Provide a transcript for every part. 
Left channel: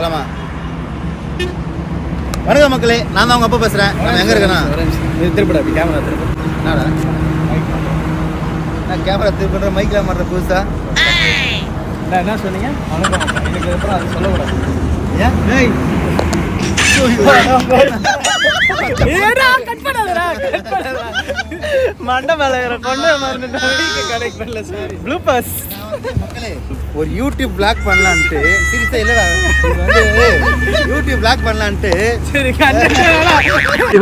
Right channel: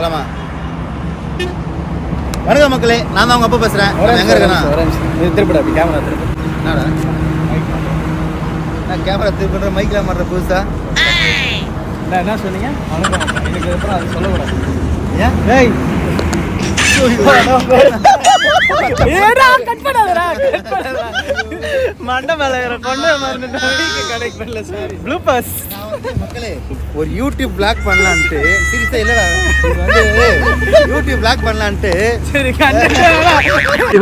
போலாமா? வணக்கம் மக்களே, நான் தான் உங்க அப்பா பேசுறேன். நம்ம எங்க இருக்கேன்னா திருப்படா கேமரா திருப்பி. என்னடா நான் கேமரா திருப்பி மைக்ல மாட்டுற புதுசா என்ன சொன்னீங்க? வணக்கம். இதுக்கு அப்புறம் அது சொல்லக்கூடாது. ஏன்? ஏய் மக்களே, ஒரு யூடியூப் பிளாக் பண்ணலான்ட்டு சீரியஸா இல்லடா, இது வந்து யூடியூப் பிளாக் பண்ணலான்ட்டு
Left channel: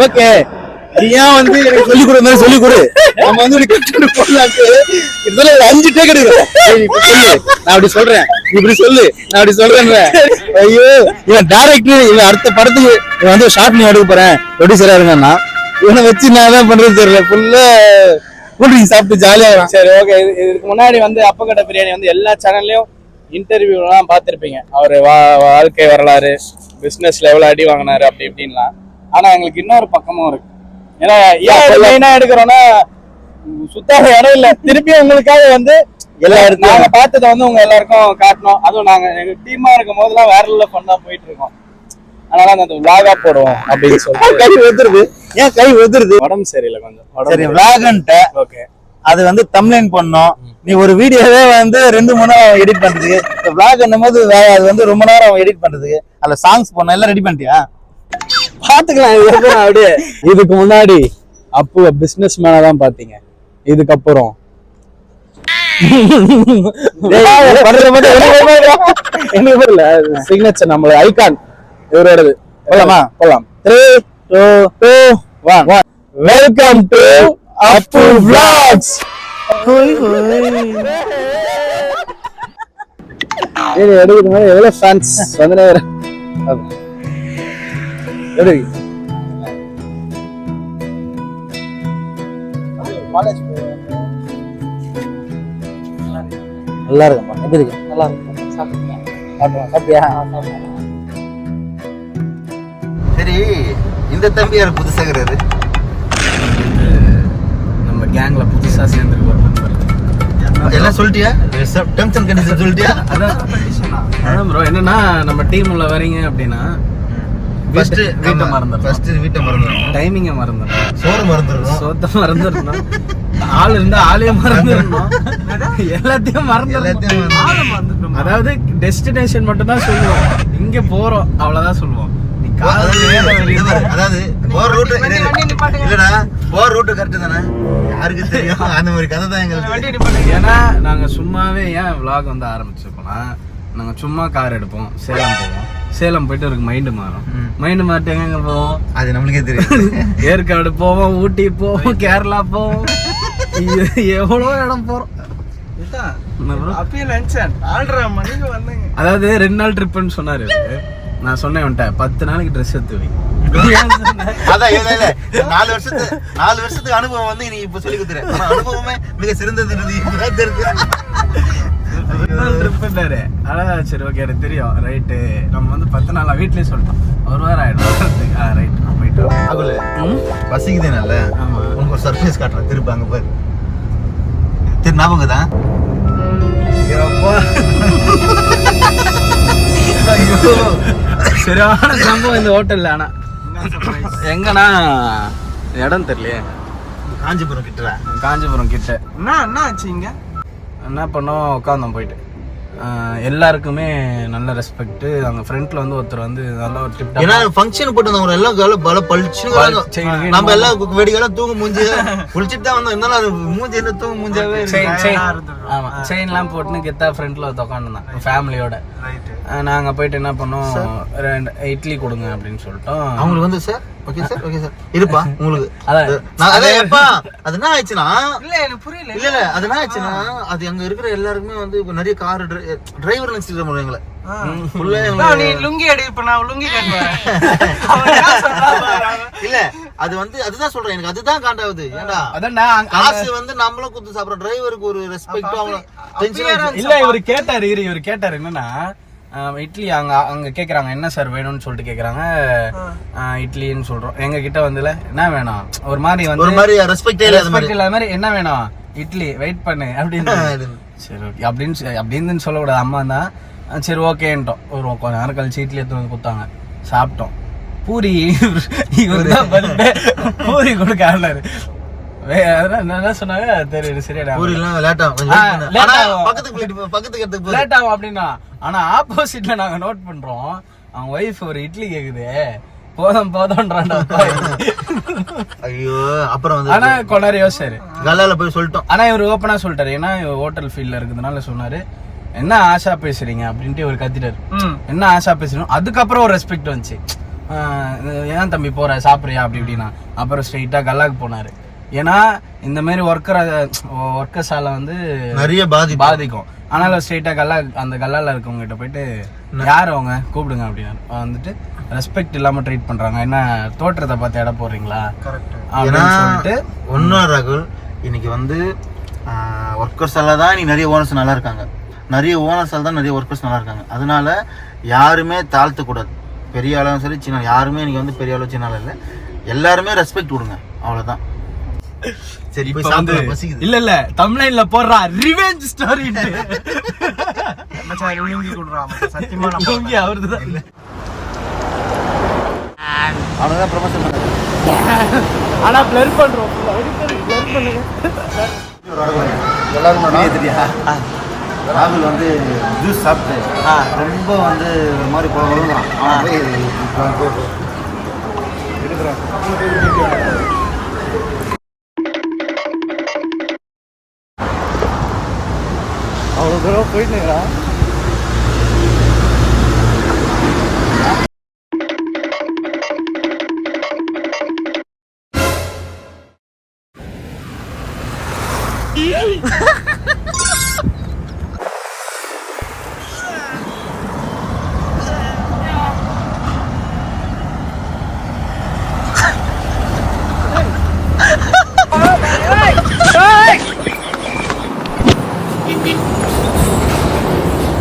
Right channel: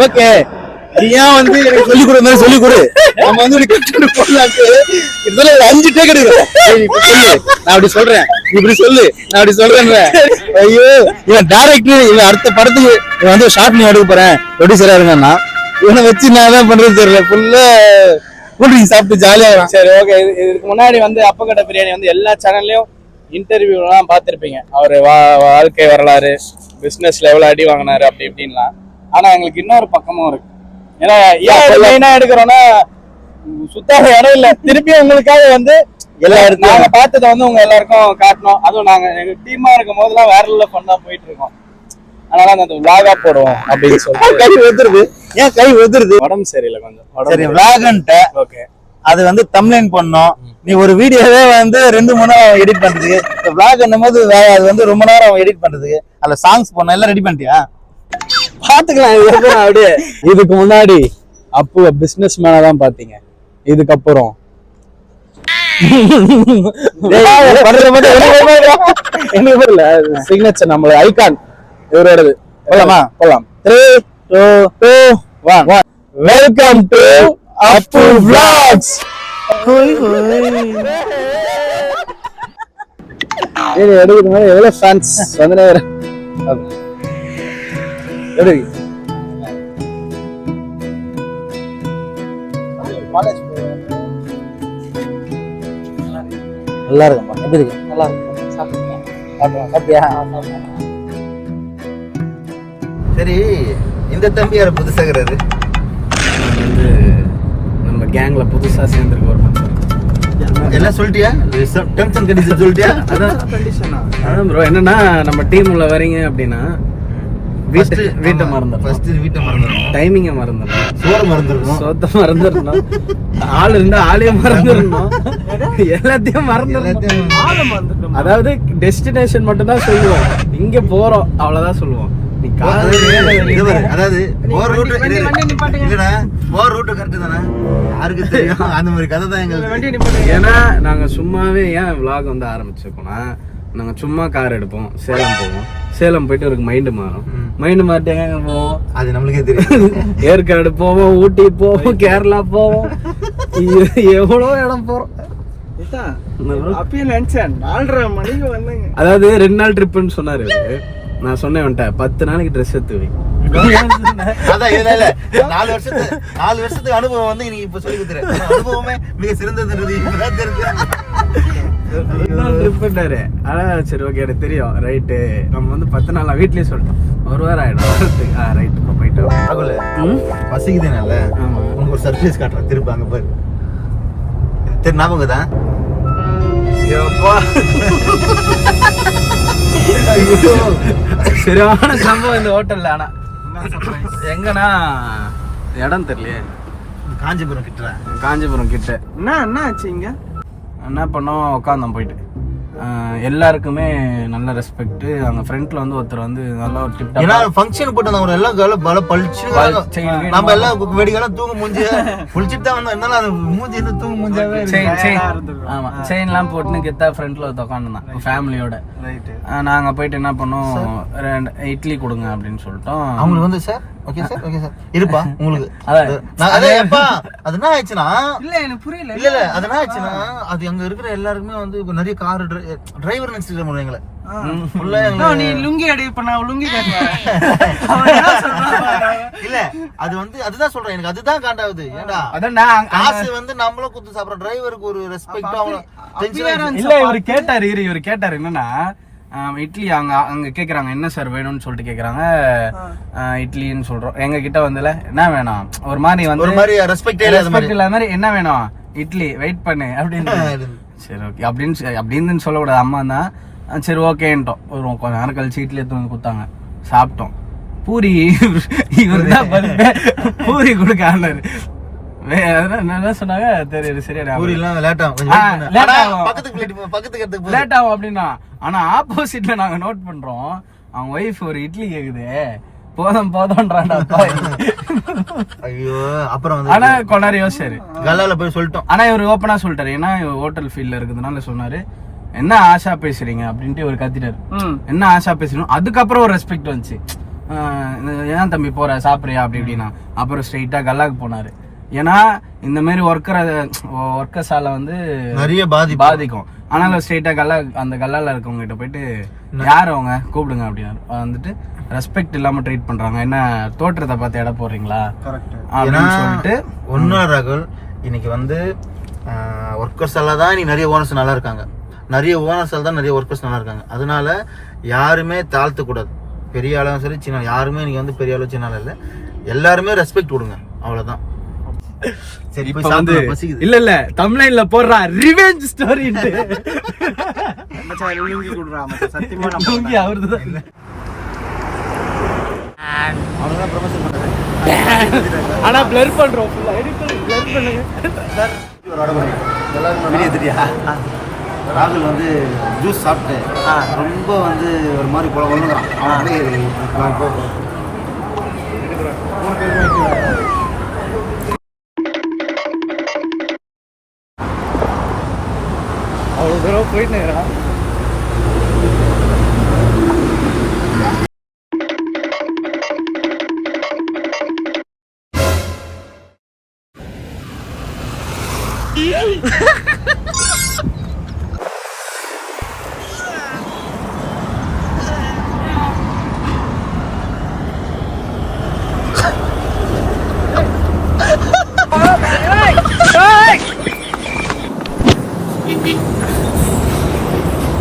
ஓகே ஏன் வந்து எனக்கு சொல்லி கொடு மாதிரி சொல்லி கொடு. நம்ம வந்து கட்டு போடலான்ட்டு இதுல 5 டேக் எடுக்கிறேன். நான் அப்படி சொல்றேன், இப்படி சொல்லு, நான் அப்படி சொல்றேன். ஐயோ இவன் டைரக்டர், இவன் அடுத்த படத்துக்கு இவன் வந்து ஷார்ட் நீ எடுக்க போறேன் ப்ரொடியூசரா இருங்கன்னா இவனை வச்சு நான் தான் பண்றது தெரியல. ஃபுல்லா கூல்ட்ரிங்க் சாப்பிட்டு ஜாலியா. சரி ஓகே. இதுக்கு முன்னாடி வந்து அப்பக்கட்ட பிரியாணி வந்து எல்லா சேனல்லையும் இன்டர்வியூலாம் பார்த்துருப்பீங்க. அவர் வாழ்க்கை வரலாறு, பிஸ்னஸ்ல எவ்வளோ அடி வாங்கினாரு அப்படி இப்படின்லாம். ஆனால் எங்களுக்கு இன்னொரு பக்கமும் இருக்கு. ஏன்னா ஏன் மெயினாக எடுக்கிறோன்னா சுத்தாத இடம் இல்லை. திருப்பியும் உங்களுக்காக வந்து எல்லா இடத்தையும் நாங்கள் பார்த்ததை வந்து உங்க எல்லாருக்கும் காட்டணும். அதுவும் நாங்கள் எங்கள் டீமாக இருக்கும் போதெல்லாம் வேற லெவலில் ஃபன்னா போயிட்டு இருக்கோம். அதனால அந்த விளாகா போடுவோம் அப்படின்னு சொல்லிட்டு. கை ஒதுருது. ஏன் கை ஒதுருது? உடம்பு சரியில்லை கொஞ்சம். சரி விளாகன்ட்ட ஓகே. அது வந்து தம்ப்லைன் பண்ணோம். நீ ஒரு வீடியோவே வந்து 2-3 நேரம் எடிட் பண்றதுக்கு, விளாக் என்னும் போது அது வந்து ரொம்ப நேரம் எடிட் பண்றதுக்கு, அதுல சாங்ஸ் போடணும். எல்லாம் ரெடி பண்ணிட்டியா? பாத்துக்கலாம். அப்படியே இதுக்கு முன்னாடி அப்போ பிசினஸ் மேனா தான் பாத்தீங்க. இதுக்கப்புறம் சிக்னேச்சர் நம்மளோட ஐகான் இவரோடது. போலாமா? போலாம். 3, 2, 1. Welcome to Appu vlogs. இது எடுக்கிறது மாதிரி எவ்வளவு ஃபேன்ஸ் வந்துனே வர. எடு நல்லா இருக்குமா? எப்படி இருக்கு? நல்லா இருக்கு. சாப்பிட்டியா? சரி, இந்த தம்பி யார புதுசாகிறாரு? நம்ம கேங்ல புதுசா சேர்ந்துருக்கோம். எல்லாம் சொல்லிட்டியா? டென்ஷன் கண்டிஷன் சொல்லிட்டியா? அதான் ப்ரோ, என்னன்னா நம்ம டீம் உள்ள வரீங்க அப்படின்னா வீட்டை மறந்துடும், டைமிங்கை மறந்துடும், சோத்த மறந்துடணும், ஆள் இருந்தா ஆளையும் மறந்துடணும், எல்லாத்தையும் மறந்துடணும். அதாவது டெஸ்டினேஷன் மட்டும் தான் சொல்லுவோம். இங்க போறோம் அவ்வளவுதான் சொல்லுவோம். அதாவது போற ரூட் இல்லடா, போற ரூட் கரெக்ட் தானே? யாருக்கு தெரியும்? அந்த மாதிரி கதை தான் எங்களுக்கு. ஏன்னா நாங்க சும்மாவே ஏன் விளாக் வந்து ஆரம்பிச்சிருக்கோம்னா, நாங்க சும்மா கார் எடுப்போம், சேலம் போவோம், சேலம் போயிட்டு ஒரு மைண்டு மாறும், மைண்டு மாறிட்டு எங்க போவோம் அது நம்மளுக்கே தெரியும். ஏற்காடு போவோம், ஊட்டி போவோம், கேரளா போவோம், எவ்வளோ இடம் போறோம். அதாவது 2 நாள் ட்ரிப்புன்னு சொன்னாரு. நான் சொன்னேன் வந்துட்ட 10 நாளைக்கு ட்ரெஸ் எடுத்து வை. அதான் இல்ல 4 வருஷத்துக்கு அனுபவம் வந்து நீங்க இப்ப சொல்லி கொடுத்துறேன். அனுபவமே மிக சிறந்தது. சரி ஓகே எனக்கு தெரியும். ரைட்டு, நம்ம வந்து 10 நாளா வீட்லயே சொல்லிட்டோம். ஒரு வாரம் ஆயிடும். ரைட் போயிட்டு பசிக்குதுனால உனக்கு ஒரு சர்ப்ரைஸ் காட்டுறேன். திரும்ப அங்க போய் திரு ஞாபகம் தான். சரியான சம்பவம் இந்த ஹோட்டல்ல. ஆனா எங்கன்னா இடம் தெரியலையே. காஞ்சிபுரம் கிட்ட என்ன ஆச்சு? இங்க என்ன பண்ணோம், உட்காந்தோம் போயிட்டு. எல்லாருக்குமே நல்ல ரெஸ்பெக்ட். அங்க ஃப்ரண்ட்ல வந்து ஒருத்தர் வந்து நல்லா ஒரு டிப் ஏன்னா ஃபங்க்ஷன் போட்டு எல்லாம் பல பழிச்சு நம்ம எல்லாம் வெடிகெல்லாம் தூங்க மூஞ்சி குளிச்சுட்டு தான் வந்தோம். இருந்தாலும் அது மூஞ்சி என்ன தூங்க மூஞ்சாவே. ஆமா, செயின்லாம் போட்டுன்னு கெத்தா ஃப்ரண்ட்ல உட்காந்துருந்தான் ஃபேமிலியோட. நாங்க போயிட்டு என்ன பண்ணோம், 2 இட்லி கொடுங்க அப்படின்னு சொல்லிட்டோம். அவங்களுக்கு வந்து சார் ஓகே சார் இருப்பா உங்களுக்கு அது என்ன ஆயிடுச்சுன்னா, இல்ல எனக்கு புரியல. இல்ல அது என்ன ஆயிடுச்சுன்னா, அது அங்க இருக்கிற எல்லாருக்குமே வந்து நிறைய கார் டிரைவர் நினைச்சிட்டு எங்களை நீ லுங்கி அடி. இப்ப நான் லுங்கி இல்ல அது வந்து அதுதான் சொல்றேன். எனக்கு அதுதான் காண்டாவது. ஏன்னா அதான் காசு வந்து நம்மளும் குத்து சாப்பிடுற டிரைவருக்கு ஒரு ரெஸ்பெக்ட். இல்ல இவரு கேட்டாரு என்னன்னா, இட்லி அங்க கேக்குறாங்க என்ன சார் வேணும்னு சொல்லிட்டு கேக்குறாங்க. இட்லின்னு சொல்றோம். எங்க கிட்ட வந்துல என்ன வேணும், ஒரு மாதிரி வந்து ஒரு மாதிரி ரெஸ்பெக்ட் இல்லாத மாதிரி என்ன வேணும், இட்லி வெயிட் பண்ணு அப்படின்னு. சரி ஓகே அப்படின்னு சொல்லக்கூடாது. அம்மா தான் சரி ஓகேன்ட்டோம். ஒரு கொஞ்ச நேரம் கழிச்சு இட்லி எடுத்து வந்து கொடுத்தாங்க, சாப்பிட்டோம். பூரி இவர் தான் பூரி கொடுக்க ஆனாரு. என்ன சொன்னாங்க தெரியும், சரியா லேட் ஆகும் அப்படின்னா. ஆனா ஆப்போசிட்ல நாங்க நோட் பண்றோம், அவங்க ஒய்ஃப் ஒரு இட்லி கேக்குது, போதும்ன்றான்டா. ஐயோ அப்புறம் ஆனா கொஞ்ச நேரம் யோசிச்சாரு, கல்லால போய் சொல்லிட்டோம். ஆனா இவர் ஓப்பனா சொல்லிட்டாரு, ஏன்னா ஹோட்டல் ஃபீல்ட்ல இருக்கிறதுனால சொன்னாரு, என்ன ஆஷா பேசுறீங்க அப்படின்ட்டு இவர் கத்திட்டாரு. என்ன ஆஷா பேசுறோம். அதுக்கப்புறம் ஒரு ரெஸ்பெக்ட் வந்துச்சு, ஏன் தம்பி போற சாப்பிடுறியா அப்படி இப்படின்னா. அப்புறம் ஸ்ட்ரெயிட்டா கல்லாக்கு போனாரு. ஏன்னா இந்த மாதிரி ஒர்க்கர்ஸால வந்து நிறைய பாதிக்கும். ஆனாலும் ஸ்ட்ரெயிட்டா அந்த கல்லால இருக்கவங்க கிட்ட போயிட்டு யார் அவங்க கூப்பிடுங்க அப்படின்னு வந்துட்டு ரெஸ்பெக்ட் இல்லாம ட்ரீட் பண்றாங்க. என்ன தோற்றத்தை பார்த்து இட போடுறீங்களா அப்படின்னு சொல்லிட்டு. ஒன்னும் ராகுல், இன்னைக்கு வந்து ஒர்க்கர்ஸால தான் நீ நிறைய ஓனர்ஸ் நல்லா இருக்காங்க, நிறைய ஓனர்ஸால தான் நிறைய ஒர்க்கர்ஸ் நல்லா இருக்காங்க. அதனால யாருமே தாழ்த்தக்கூடாது, பெரிய ஆளும் சரி சின்ன யாருமே இன்னைக்கு வந்து பெரிய ஆளு சின்ன ஆளு இல்லை, எல்லாருமே ரெஸ்பெக்ட் கொடுங்க, அவ்வளவுதான். சரி இப்ப வந்து இல்ல தமிழ்ல போடுறா ரிவெஞ்ச் ஸ்டோரி. சத்தியமா அவர்தான் ஆனா பிளர் பண்றோம், பிளர் பண்ணுங்க. ராகுல் வந்து ஜூஸ் சாப்பிட்டு ரொம்ப வந்து ஒரு மாதிரி குழம்புலாம் அவ்வளோ தூரம் போயிட்டுங்கிறான்.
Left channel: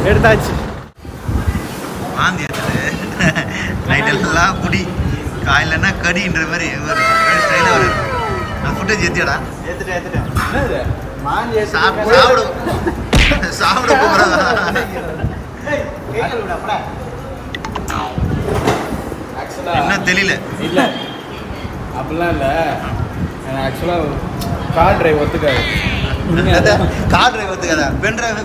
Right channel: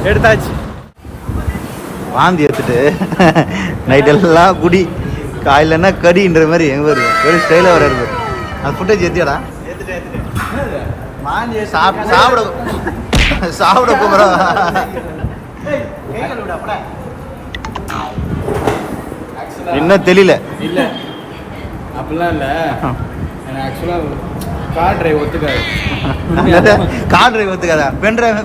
எடுத்தாச்சு. வாந்தி வச்சுட்டு நைட் எல்லாம் குடி, காயிலன்னா கடின்ற மாதிரி எங்க ஒரு ஸ்டைலாக வருது. அந்த ஃபுட்டேஜ் ஏற்றியாடா? வாந்தி சாப்பிட போகிறான். இன்னும் தெரியல. இல்ல அப்படிலாம் இல்ல, எனக்கு ஆக்சுவலா கார் டிரைவ் ஒத்துக்காது. கார் டிரைவ் ஒத்துக்காதா? பெண்ட்ரைவ்